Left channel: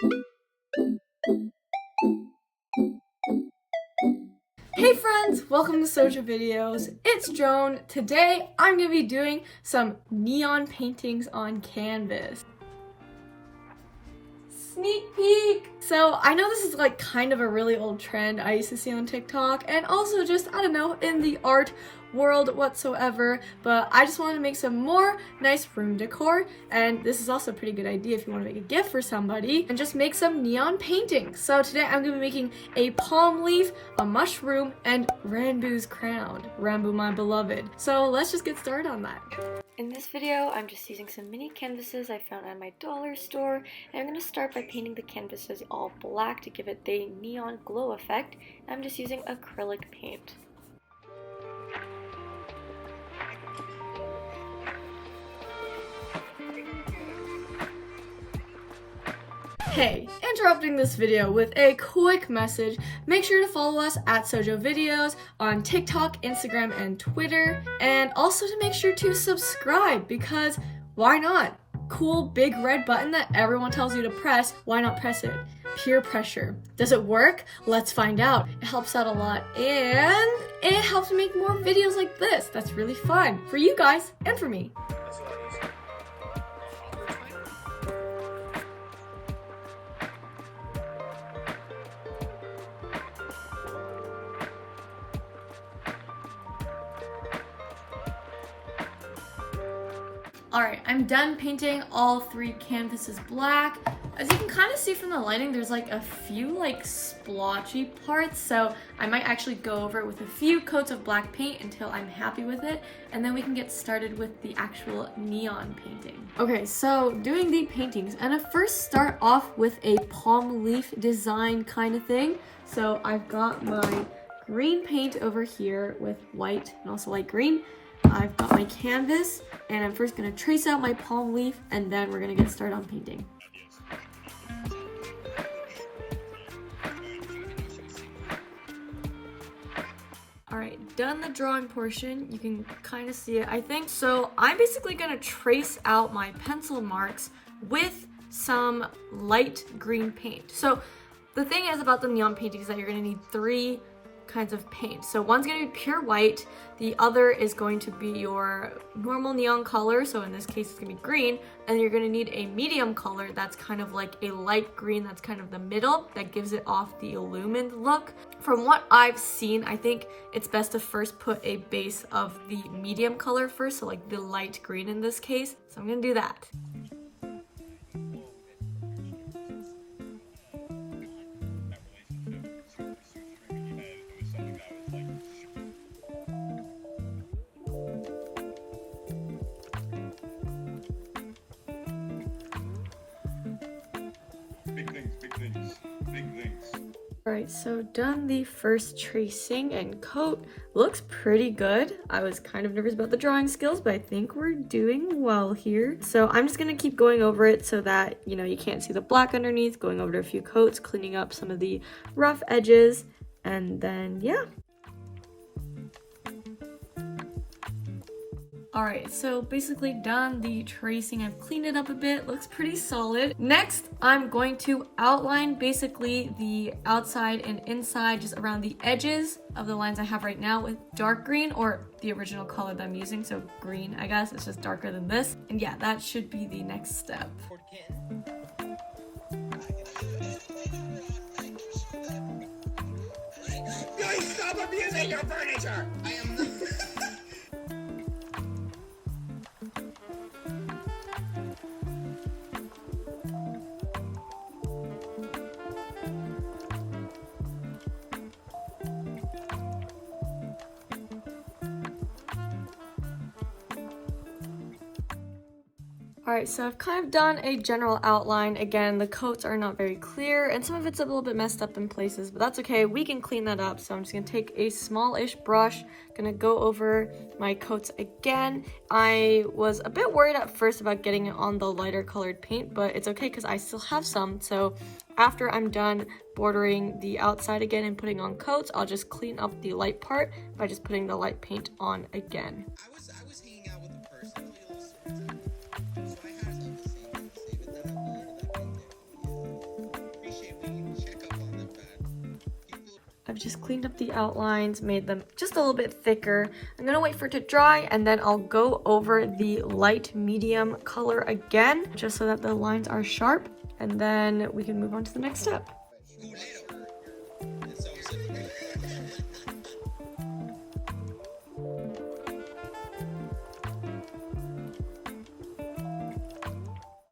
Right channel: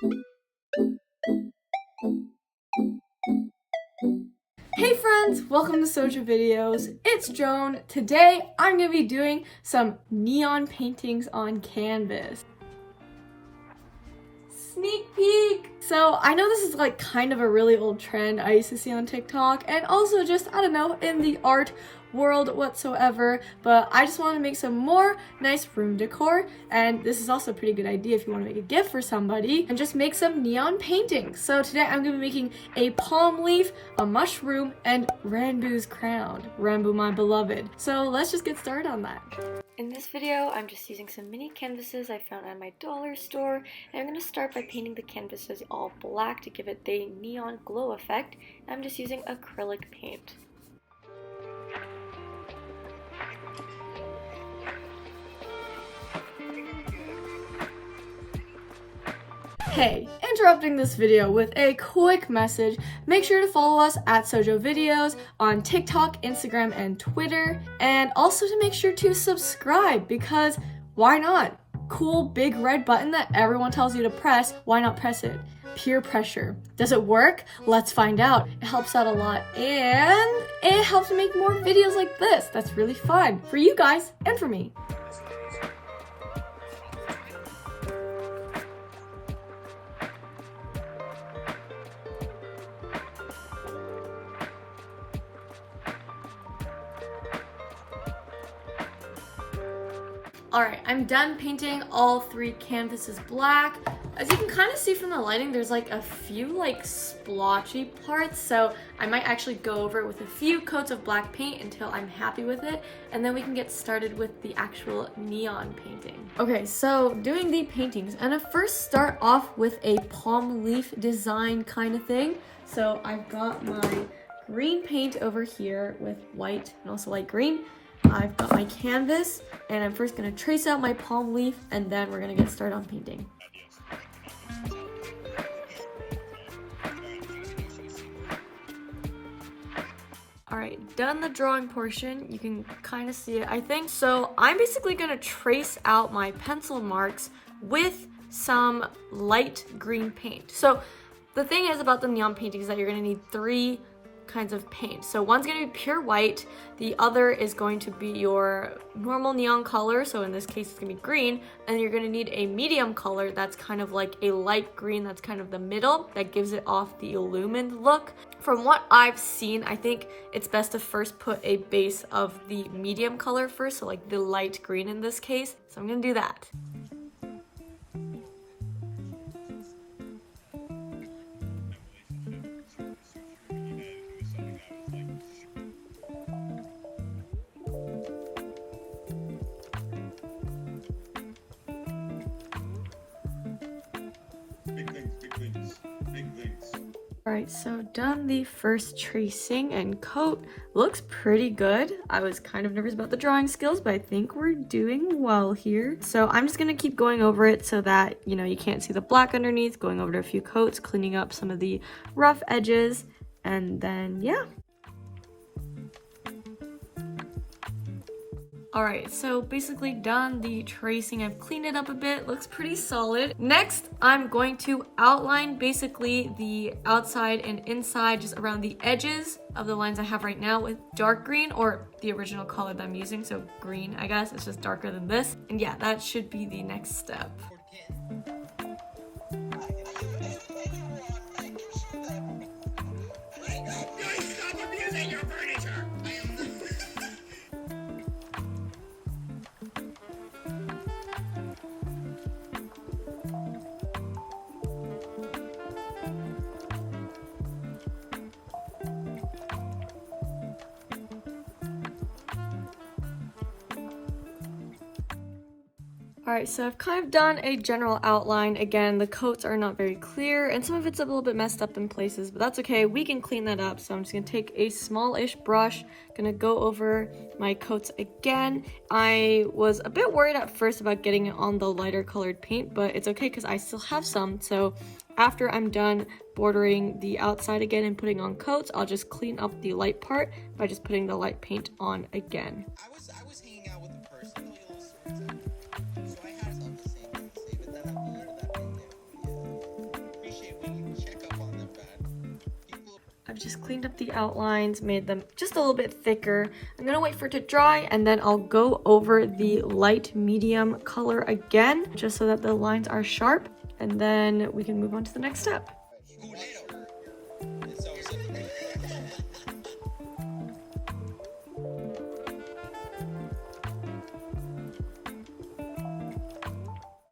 Hey friends, welcome to Soja Videos. It's Joan. Today I'm going to be doing some neon paintings on canvas. Sneak peek! So I know this is like kind of a really old trend I used to see on TikTok, and also just, I don't know, in the art world whatsoever, but I just want to make some more nice room decor, and this is also a pretty good idea if you want to make a gift for somebody, and just make some neon paintings. So today I'm going to be making a palm leaf, a mushroom, and ranboo's crown. Ranboo, my beloved. So let's just get started on that. In this video, I'm just using some mini canvases I found at my dollar store, and I'm going to start by painting the canvases all black to give it the neon glow effect. I'm just using acrylic paint. Hey, interrupting this video with a quick message. Make sure to follow us at Sojo Videos on TikTok, Instagram, and Twitter. And also to make sure to subscribe, because why not? Cool big red button that everyone tells you to press, why not press it? Peer pressure. Does it work? Let's find out. It helps out a lot, and it helps me make more videos like this. That's really fun for you guys and for me. Alright, I'm done painting all three canvases black. As you can kind of see from the lighting, there's like a few like splotchy parts, so I might actually go over it with a few coats of black paint until I'm happy with it, and then we can get started with the actual neon painting. Okay, so doing the paintings, and I first start off with a palm leaf design kind of thing. So I've got my green paint over here with white and also light green. I've got my canvas, and I'm first going to trace out my palm leaf, and then we're going to get started on painting. Alright, done the drawing portion. You can kind of see it, I think. So I'm basically going to trace out my pencil marks with some light green paint. So the thing is about the neon paintings is that you're going to need three kinds of paint. So one's going to be pure white, the other is going to be your normal neon color, so in this case it's going to be green, and you're going to need a medium color that's kind of like a light green, that's kind of the middle, that gives it off the illumined look. From what I've seen, I think it's best to first put a base of the medium color first, so like the light green in this case. So I'm going to do that. Alright, so done the first tracing and coat. Looks pretty good. I was kind of nervous about the drawing skills, but I think we're doing well here. So I'm just going to keep going over it so that, you know, you can't see the black underneath, going over to a few coats, cleaning up some of the rough edges, and then, yeah. Alright, so basically done the tracing. I've cleaned it up a bit, looks pretty solid. Next, I'm going to outline basically the outside and inside, just around the edges of the lines I have right now with dark green, or the original color that I'm using, so green, I guess. It's just darker than this. And yeah, that should be the next step. Alright, so I've kind of done a general outline. Again, the coats are not very clear, and some of it's a little bit messed up in places, but that's okay. We can clean that up. So I'm just going to take a smallish brush, going to go over my coats again. I was a bit worried at first about getting it on the lighter colored paint, but it's okay because I still have some. So after I'm done bordering the outside again and putting on coats, I'll just clean up the light part by just putting the light paint on again. I was hanging out with a person who was so I had something to say, but then I figured that I've just cleaned up the outlines, made them just a little bit thicker. I'm gonna wait for it to dry and then I'll go over the light medium color again, just so that the lines are sharp, and then we can move on to the next step.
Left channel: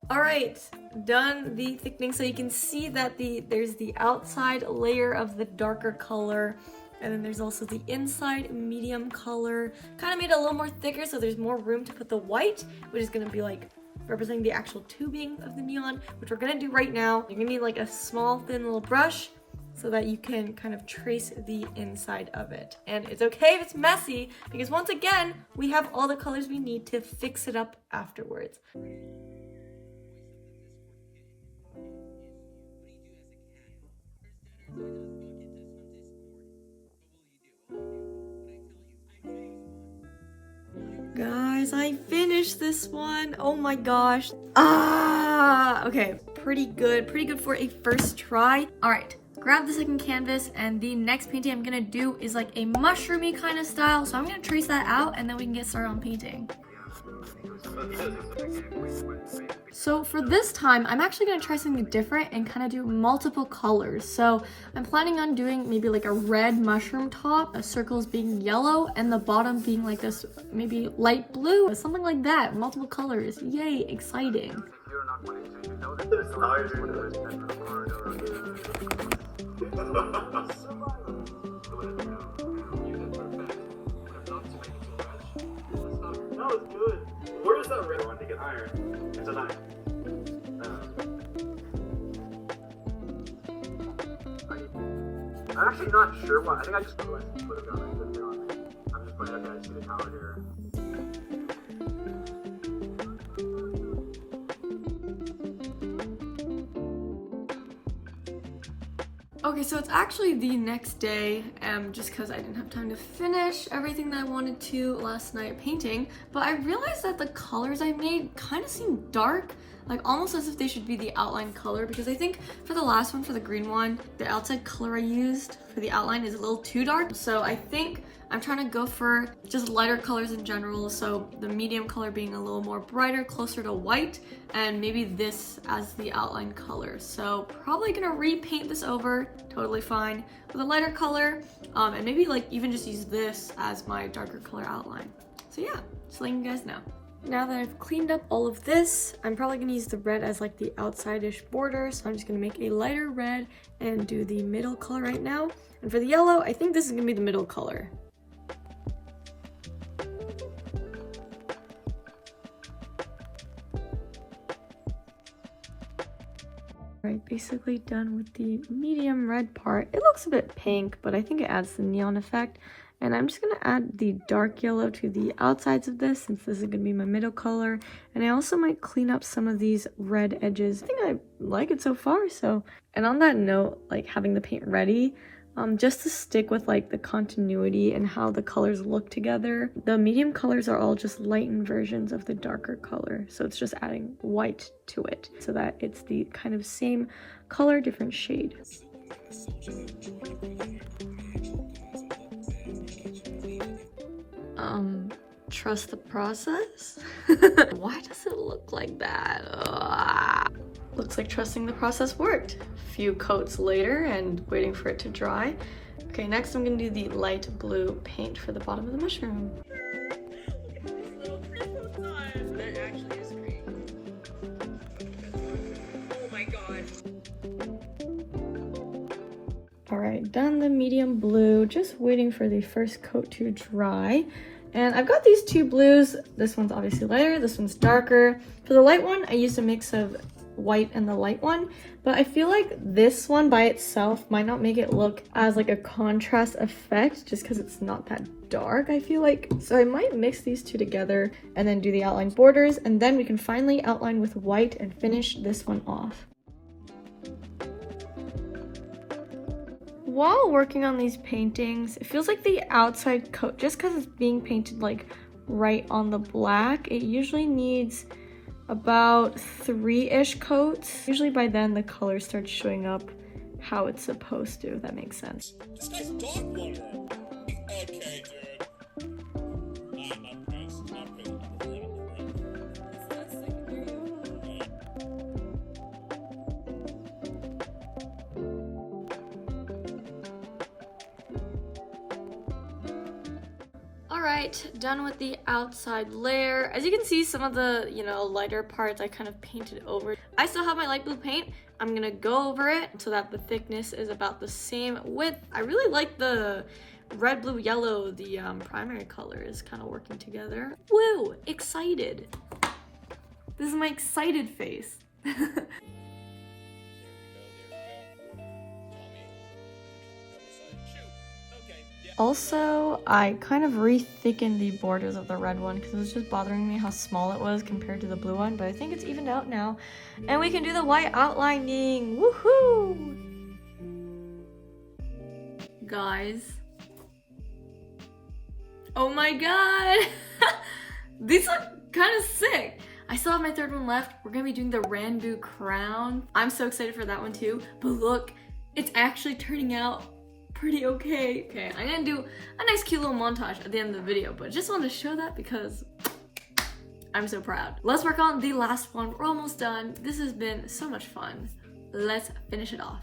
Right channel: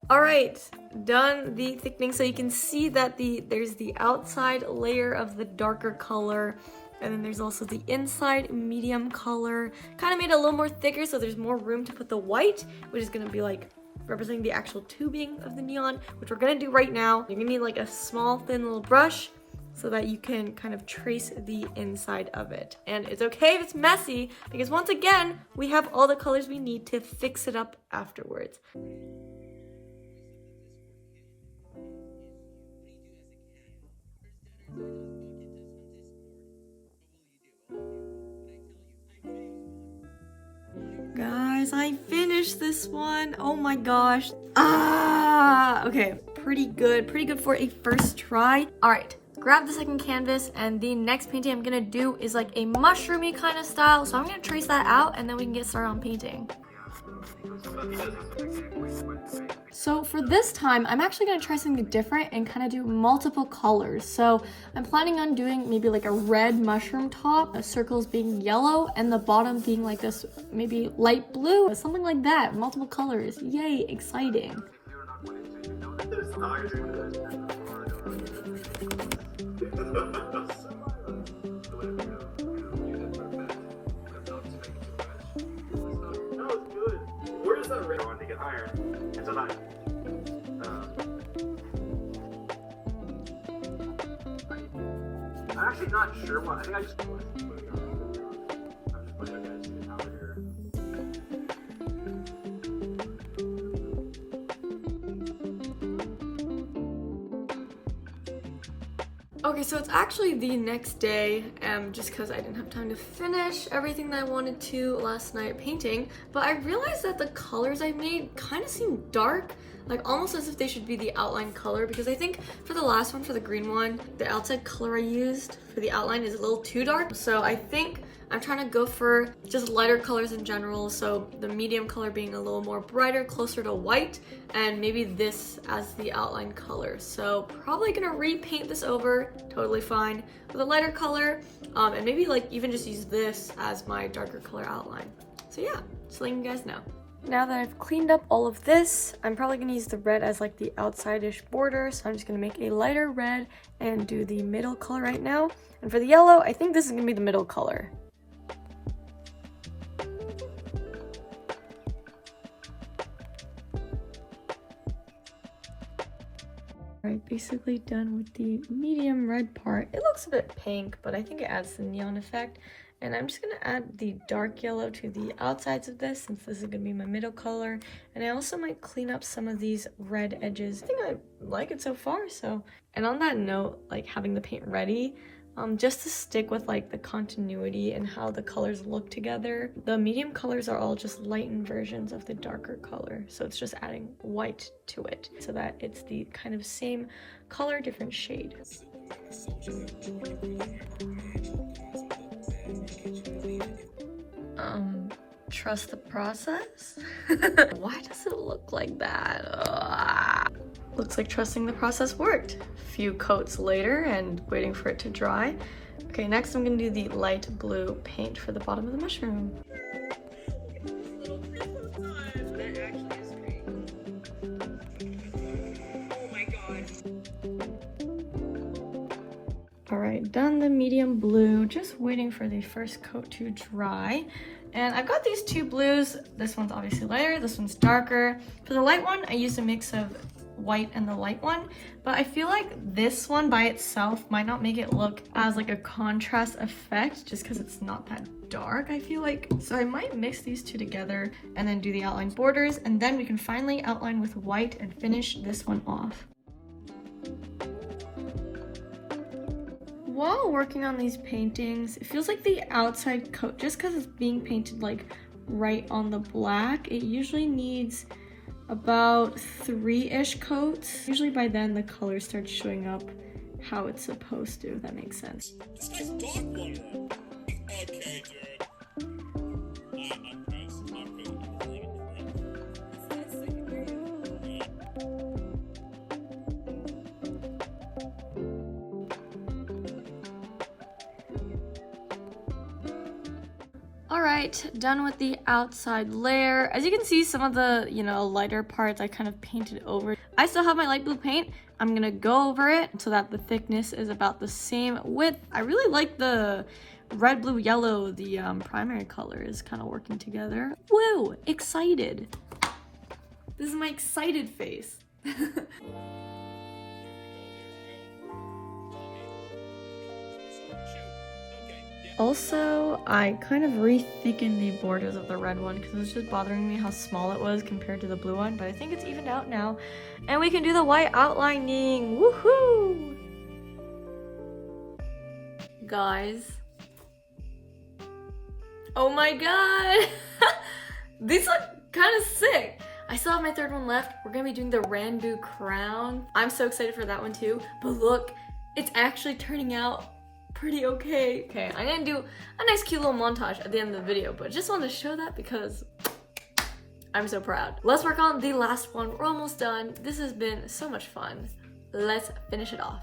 All right, done the thickening. So you can see that there's the outside layer of the darker color, and then there's also the inside medium color. Kind of made it a little more thicker, so there's more room to put the white, which is gonna be like representing the actual tubing of the neon, which we're gonna do right now. You're gonna need like a small, thin little brush so that you can kind of trace the inside of it. And it's okay if it's messy, because once again, we have all the colors we need to fix it up afterwards. Guys, I finished this one. Oh my gosh. Okay, pretty good for a first try. All right, grab the second canvas, and the next painting I'm gonna do is like a mushroomy kind of style. So I'm gonna trace that out and then we can get started on painting. So for this time, I'm actually going to try something different and kind of do multiple colors. So I'm planning on doing maybe like a red mushroom top, the circles being yellow, and the bottom being like this maybe light blue, something like that, multiple colors. Yay, exciting. Where does that red one to get iron? It's an iron. I'm actually not sure why. I think I just put it on. I'm just putting it to the tower here. Okay, so it's actually the next day, just because I didn't have time to finish everything that I wanted to last night painting, but I realized that the colors I made kind of seem dark, like almost as if they should be the outline color, because I think for the last one, for the green one, the outside color I used for the outline is a little too dark, so I think I'm trying to go for just lighter colors in general, so the medium color being a little more brighter, closer to white, and maybe this as the outline color. So probably gonna repaint this over, totally fine, with a lighter color, and maybe like even just use this as my darker color outline. So yeah, just letting you guys know. Now that I've cleaned up all of this, I'm probably gonna use the red as like the outside-ish border, so I'm just gonna make a lighter red and do the middle color right now. And for the yellow, I think this is gonna be the middle color. Right, basically done with the medium red part. It looks a bit pink, but I think it adds the neon effect. And I'm just gonna add the dark yellow to the outsides of this, since this is gonna be my middle color. And I also might clean up some of these red edges. I think I like it so far, so. And on that note, like having the paint ready, just to stick with like the continuity and how the colors look together, the medium colors are all just lightened versions of the darker color. So it's just adding white to it so that it's the kind of same color, different shade. Trust the process? Why does it look like that? Ugh. Looks like trusting the process worked. A few coats later and waiting for it to dry. Okay, next I'm gonna do the light blue paint for the bottom of the mushroom. Alright, done the medium blue, just waiting for the first coat to dry. And I've got these two blues. This one's obviously lighter, this one's darker. For the light one, I used a mix of white and the light one, but I feel like this one by itself might not make it look as like a contrast effect just because it's not that dark, I feel like. So I might mix these two together and then do the outline borders, and then we can finally outline with white and finish this one off. While working on these paintings, it feels like the outside coat, just because it's being painted like right on the black, it usually needs about 3-ish coats. Usually by then the color starts showing up how it's supposed to, if that makes sense. This guy's dog water. Okay, dude. I'm passing. Alright, done with the outside layer. As you can see, some of the, lighter parts I kind of painted over. I still have my light blue paint. I'm gonna go over it so that the thickness is about the same width. I really like the red, blue, yellow, the primary colors kind of working together. Woo! Excited. This is my excited face. Also, I kind of re-thickened the borders of the red one because it was just bothering me how small it was compared to the blue one, but I think it's evened out now. And we can do the white outlining! Woohoo! Guys. Oh my god! These look kind of sick! I still have my third one left. We're gonna be doing the ranboo crown. I'm so excited for that one too, but look, it's actually turning out pretty okay. Okay, I'm gonna do a nice cute little montage at the end of the video, but just wanted to show that because I'm so proud. Let's work on the last one. We're almost done. This has been so much fun. Let's finish it off.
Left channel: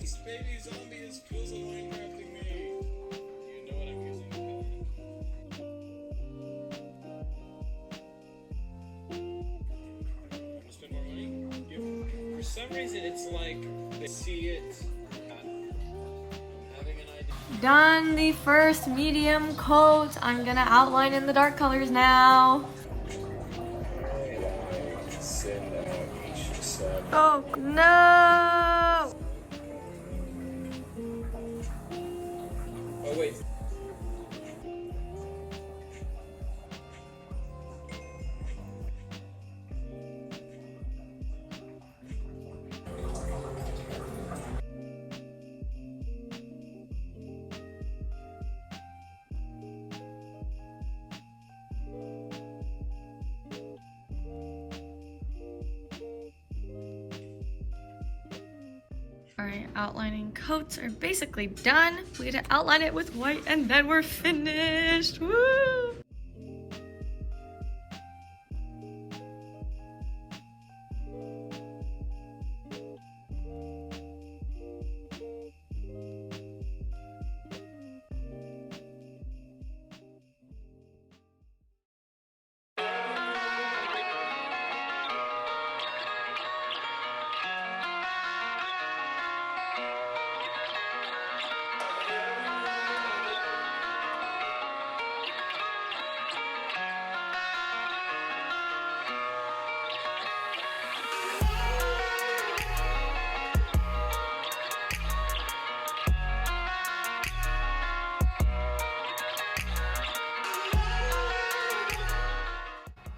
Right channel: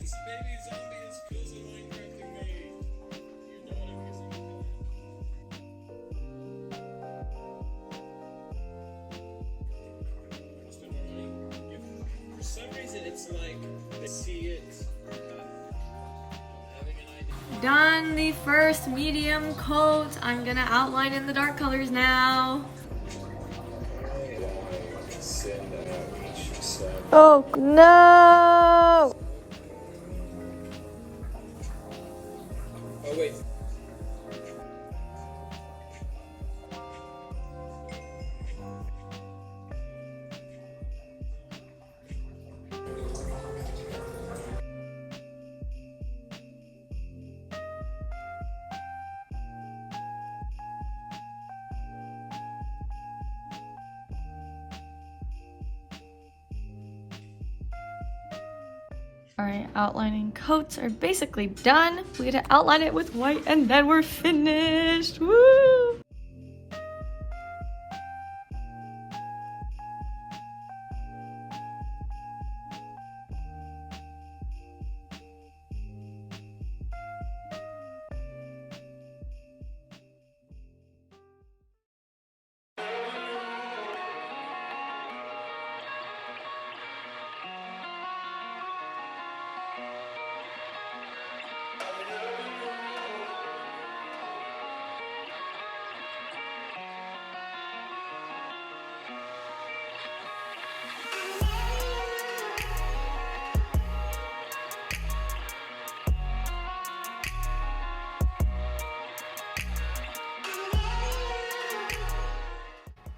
This baby zombie is puzzling after me. You know what I'm using. For some reason, it's like I see it. I'm having an idea. Done the first medium coat. I'm gonna outline in the dark colors now. Oh no! Oh wait. Alright, outlining coats are basically done. We gotta outline it with white and then we're finished. Woo!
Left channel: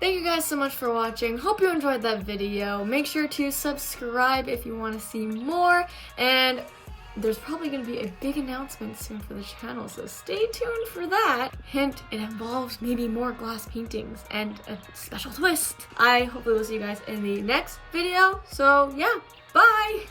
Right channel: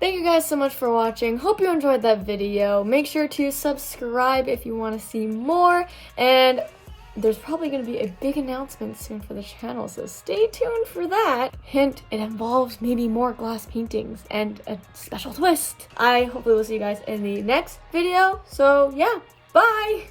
Thank you guys so much for watching. Hope you enjoyed that video. Make sure to subscribe if you want to see more. And there's probably going to be a big announcement soon for the channel, so stay tuned for that. Hint, it involves maybe more glass paintings and a special twist. I hopefully will see you guys in the next video. So yeah, bye!